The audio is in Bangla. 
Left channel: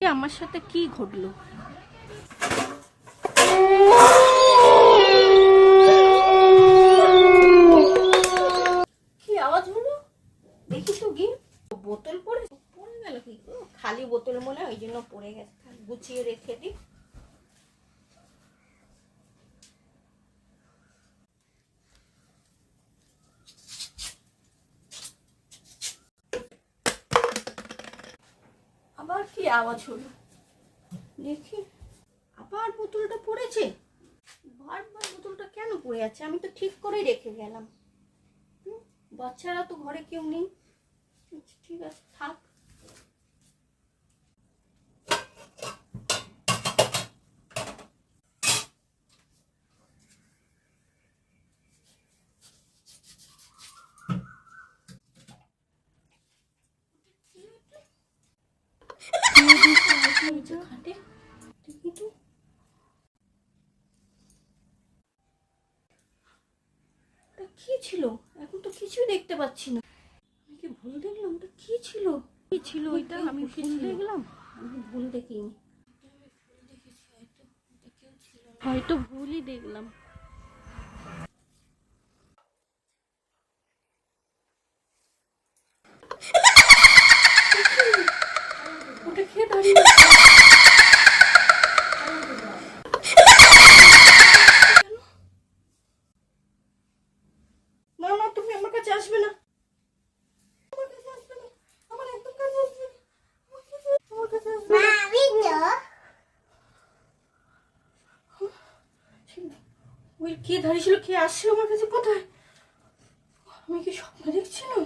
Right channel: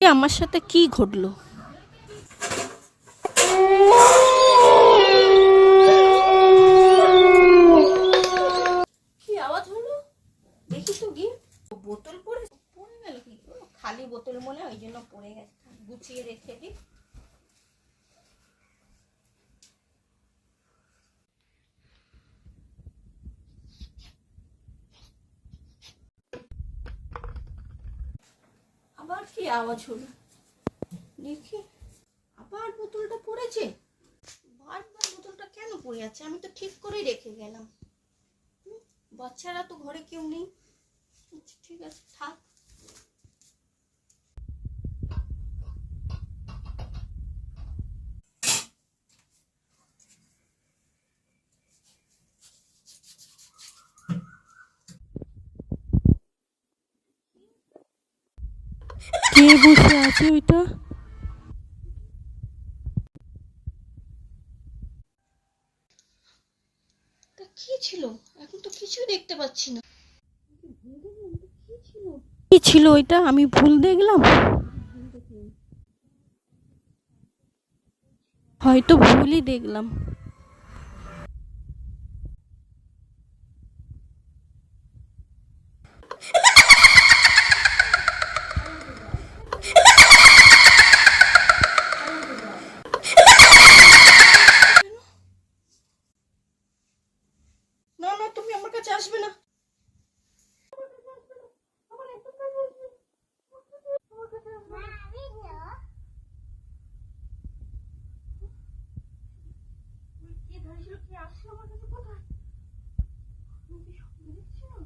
আমার সাথে কি ঘটলো? কি আওয়াজ হলো দেখি তো গিয়ে। বোতল পড়ে গেল কি? খালি বোতল মনে হয়, ওই জন্য পড়ে গেছে। গুছিয়ে রেখে দিই। আবার কি আওয়াজ হলো দেখি। আবার বোতলটা পড়েছে। বারবার বোতলটা কেন পড়ে আছে? আমি তো ঠিক করেই রেখে গেলাম। বাচ্চারা তো ঘরে কেউ নেই। ঠিক আছে, থাক। কে বসে আছে ওইটা? কি ছিল? এখন তো কিছুই দেখতে পাচ্ছি না। আমি কি ভুল দেখলাম? ওটা কি ছিল? কি ছিল ওইটা? আমি ভুল দেখলাম? ভুল দেখিনি, হয়তো ভুলই দেখলাম। না না, তুমি আমার কাছে আসবে না। ওই কে দাঁড়িয়ে ছিল? কে আসছে আমার কাছে? কোথায়? আমি কি স্বপ্ন দেখছিলাম?